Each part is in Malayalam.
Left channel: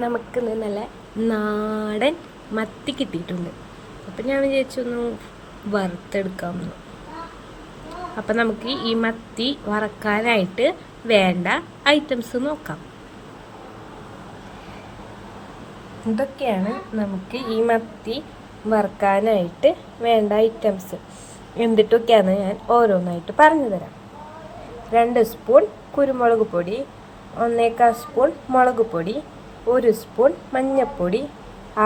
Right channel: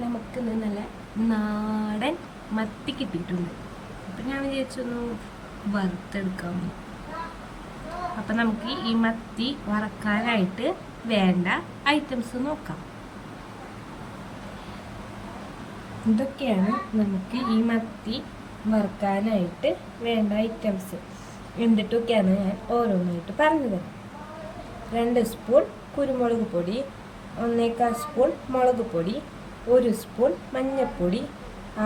നമുക്ക് നല്ല നാടൻ മത്തി കിട്ടിയിട്ടുണ്ട്. അപ്പം ഞാൻ വിചാരിച്ചൊന്ന് വറുത്തെടുക്കാമെന്ന്. അപ്പം നമുക്ക് ഈ മത്തി വറക്കാനായിട്ട് വേണ്ട ഐറ്റംസ് നോക്കാം. ഇതൊക്കെയാണ് നമുക്ക് ഈ മത്തി വറുക്കാനായിട്ട് വേണ്ട ഐറ്റംസ്. എന്തിട്ടൊക്കെയാണ് ഞാൻ ഓരോന്നായിട്ട് പറഞ്ഞു തരാം. 2 സ്പൂൺ കുരുമുളക് പൊടി, 1/4 സ്പൂൺ മുളക് പൊടി, 1 സ്പൂൺ മഞ്ഞൾപ്പൊടി,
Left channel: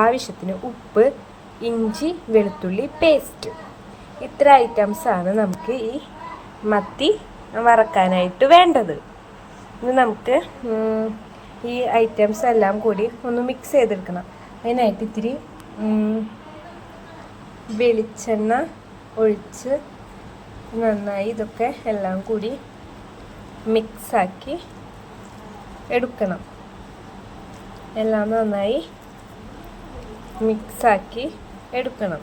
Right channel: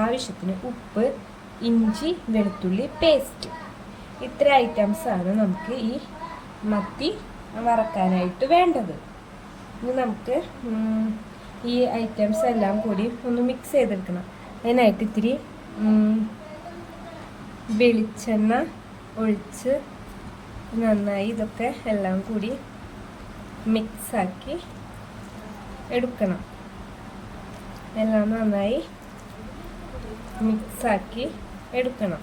ആവശ്യത്തിന് ഉപ്പ്, ഇഞ്ചി വെളുത്തുള്ളി പേസ്റ്റ്. ഇത്ര ഐറ്റംസാണ് നമുക്ക് ഈ മത്തി വറക്കാനായിട്ട് വേണ്ടത്. ഇനി നമുക്ക് ഈ ഐറ്റംസ് എല്ലാം കൂടി ഒന്ന് മിക്സ് ചെയ്തെടുക്കണം. അതിനായിട്ട് ഇത്തിരി വെളിച്ചെണ്ണ ഒഴിച്ച് നന്നായി ഇതൊക്കെ എല്ലാം കൂടി മിക്സാക്കി എടുക്കണം. എല്ലാം നന്നായി മിക്സാക്കി എടുക്കണം.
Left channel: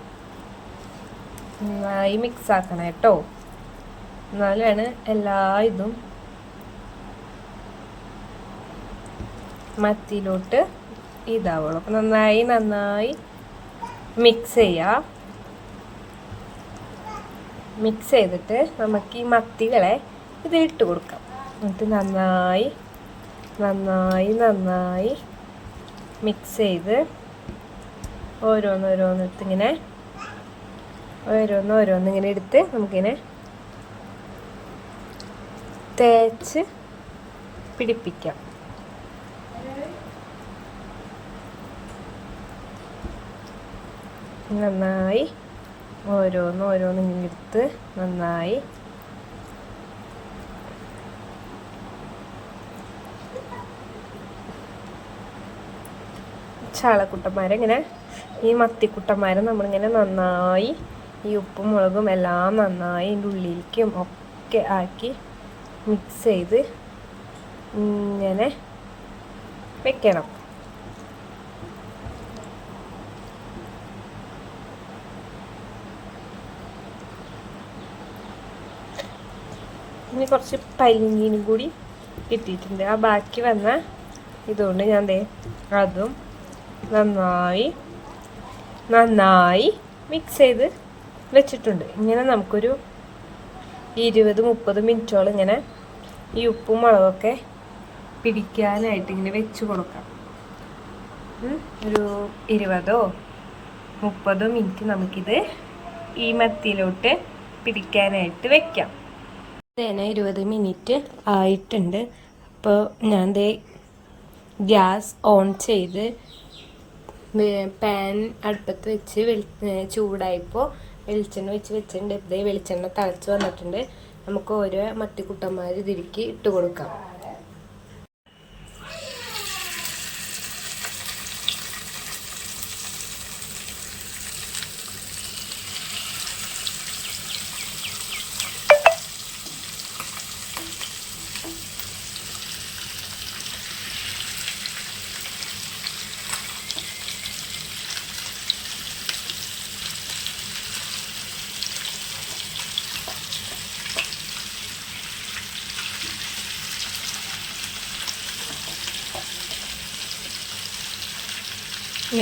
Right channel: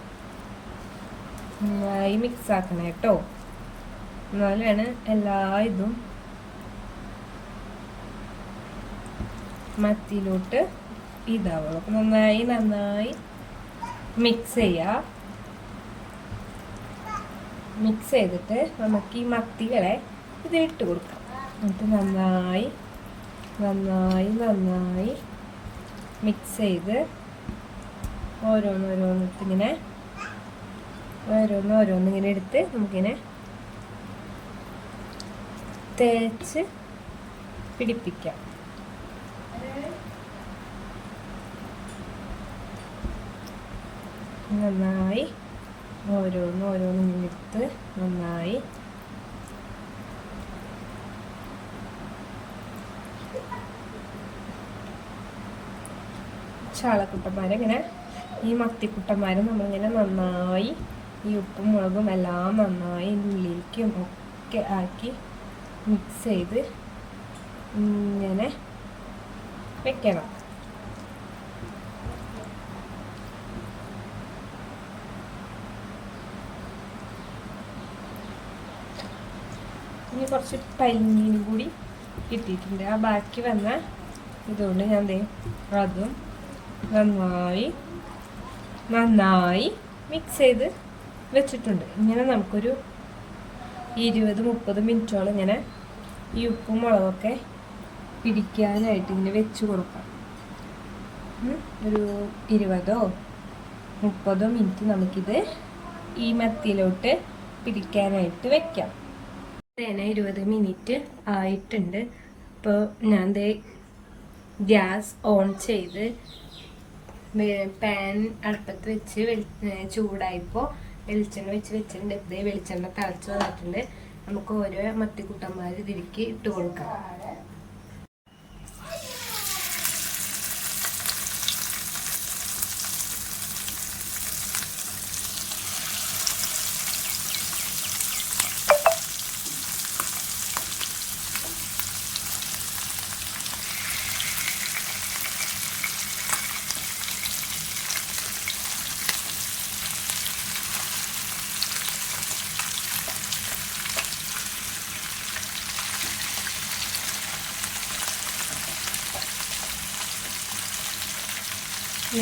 നന്നായി മിക്സാക്കണം കേട്ടോ. എന്നാലാണ് എല്ലാ ഇതും മത്തിയിലോട്ട് ഇതാവുള്ളൂ. അപ്പം നന്നായി മിക്സ് ചെയ്യുക. മിക്സ് ചെയ്തിട്ട് നമുക്ക് ഈ മത്തികളെ ഇതിലിട്ട് കൊടുക്കാം. എന്നിട്ട് നന്നായി മിക്സ് ചെയ്ത് ഓരോന്നിങ്ങനെ എടുത്ത് നമുക്കിങ്ങനെ തേച്ച് പിടിപ്പിക്കാം. നന്നായി ഓരോന്നിങ്ങനെ എടുത്ത് നന്നായി ചാളക്കുട്ടന്മാരെ ഇങ്ങനെ ഈ മത്തിക്കുട്ടന്മാരെ നമ്മളിങ്ങനെ നന്നായി ഈ ഉപ്പും മുളകും എല്ലാം നന്നായി ഇതിൻ്റെ ഉള്ളിലേക്കും ഒക്കെ ആക്കി മിക്സ് ചെയ്ത് ഇങ്ങനെ വെക്കണം. ഇനി കുറച്ച് പൈങ്ങീനും കൂടി കിട്ടിയിട്ടുണ്ട്. ആ ബാക്കി വന്ന ഇതുകൊണ്ട് ഞാൻ അതും നന്നായി മിക്സ് ചെയ്ത് വെച്ചിട്ടുണ്ട്. ഇങ്ങനെ നമുക്കൊരു 20-30 മിനിറ്റോളം ഇങ്ങനെ ഈ ഉപ്പും മുളകൊക്കെ പിടിക്കാനായിട്ട് ഇങ്ങനെ വെച്ച് കൊടുക്കാം. ഒരു 20-30 മിനിറ്റ് നമുക്കിത് ഈ മത്തിയിലോട്ട് പിടിക്കാനായിട്ട് വെക്കാം. 20 മിനിറ്റ് ആയിട്ടുണ്ട്. അപ്പോൾ ഞാൻ ഗ്യാസ് ഓൺ ചെയ്ത് പാൻ അടുപ്പത്ത് വെച്ച് ചൂടായപ്പോൾ വെളിച്ചെണ്ണ വെച്ചിട്ടുണ്ട്. വെളിച്ചെണ്ണ തിളച്ച് വന്നിട്ടുണ്ട്. നമുക്ക് ഓരോ മത്തിക്കുട്ടന്മാർ ഇതിലേക്ക് ഇട്ട് കൊടുക്കാം.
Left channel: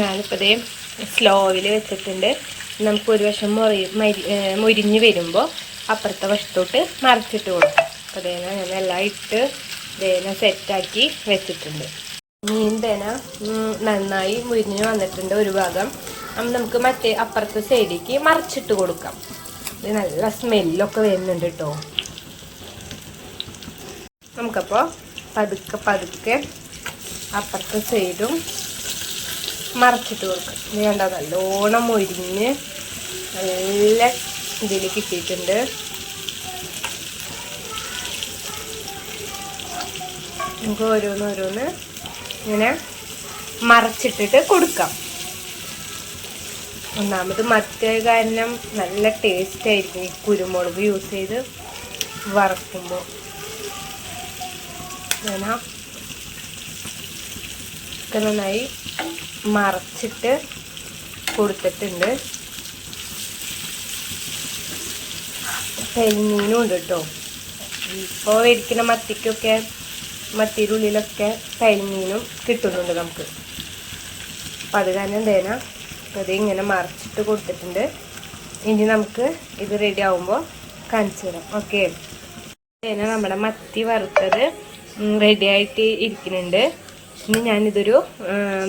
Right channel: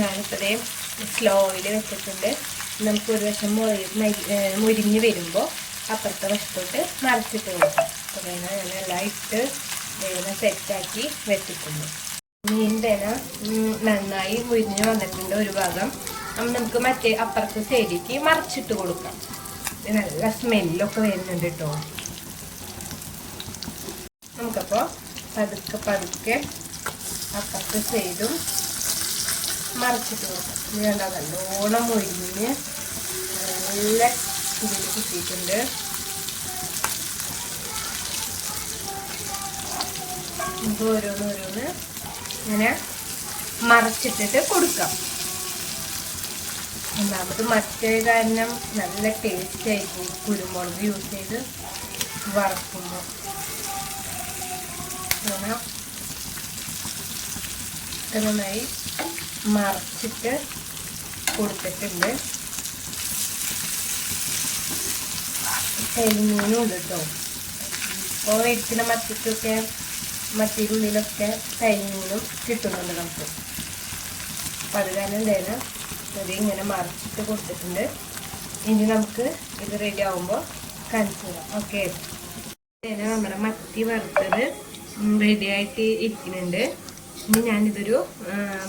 ഞാനിപ്പോൾ സ്ലോയിൽ വെച്ചിട്ടുണ്ട്. നമുക്ക് ഒരു വശം മുരിഞ്ഞ് വരുമ്പോൾ അപ്പുറത്തെ വശത്തോട്ട് മറിച്ചിട്ട് കൊടുക്കാം. അപ്പോൾ ഞാൻ എല്ലാം ഇട്ട് സെറ്റാക്കി വെച്ചിട്ടുണ്ട്. മീൻ നന്നായി മുരിഞ്ഞ് വന്നിട്ടുണ്ട് ഒരു ഭാഗം. നമുക്ക് മറ്റേ അപ്പുറത്തെ സൈഡിലേക്ക് മറിച്ചിട്ട് കൊടുക്കാം. ഇത് നല്ല സ്മെല്ലൊക്കെ വരുന്നുണ്ട് കേട്ടോ. നമുക്കപ്പോൾ പതുക്കെ അപ്പുറത്തെ സൈഡും മറിച്ചിട്ട് കൊടുക്കാം. ഇത് കണ്ടോ നല്ലോണം മുരിഞ്ഞ് നല്ല ഇതിൽ കിട്ടിയിട്ടുണ്ട്. നമുക്ക് ഓരോന്ന് ഇങ്ങനെ മറച്ചിട്ടിട്ട് കൊടുക്കാം. ഒന്നാമത് മറ്റേ കാരണം നല്ല ടേസ്റ്റ് ആയിരിക്കും ഈ കുരുമുളക് യൂസ് ചെയ്ത് വറക്കുമ്പോൾ. അങ്ങനെ നന്നായി മറച്ചിട്ട് കൊടുത്തിട്ടുണ്ട്. കരിമീനും ഉണ്ട് കേട്ടോ. ഇപ്പോൾ ഇരിക്കുന്ന മത്തിക്കൊക്കെ മത്തിയുടെ ഉള്ളിലൊക്കെ കരിമീനും കിട്ടുന്നുണ്ട് നമുക്ക്. അപ്പം അത് കാരണം എന്തേനാ അത് ഇങ്ങനെ മറിച്ചിട്ട് കൊടുത്തിട്ടുണ്ട്. ഇനി നമുക്ക് ഇത് റെഡി ആകുമ്പോൾ കാണിച്ചു തരാം. ഓക്കെ, നമ്മുടെ മത്തി വറുത്തത് റെഡി ആയിട്ട് ഇരിക്കുന്നുണ്ട്. ഇനി ഞാനിതൊരു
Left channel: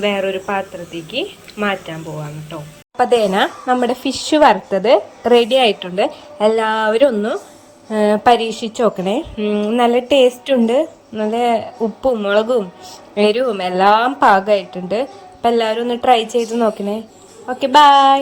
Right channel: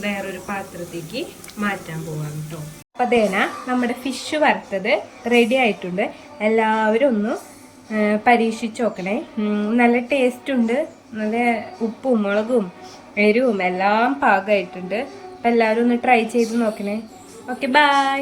വേറൊരു പാത്രത്തേക്ക് മാറ്റാൻ പോവാണ് കേട്ടോ. അപ്പം നമ്മുടെ ഫിഷ് വറുത്തത് റെഡി ആയിട്ടുണ്ട്. എല്ലാവരും ഒന്ന് പരീക്ഷിച്ച് നോക്കണേ. നല്ല ടേസ്റ്റ് ഉണ്ട്. നല്ല ഉപ്പും മുളകും എരിവും എല്ലാം പാകമായിട്ടുണ്ട്. അപ്പം എല്ലാവരും ഒന്ന് ട്രൈ ചെയ്ത് നോക്കണേ. Okay, by.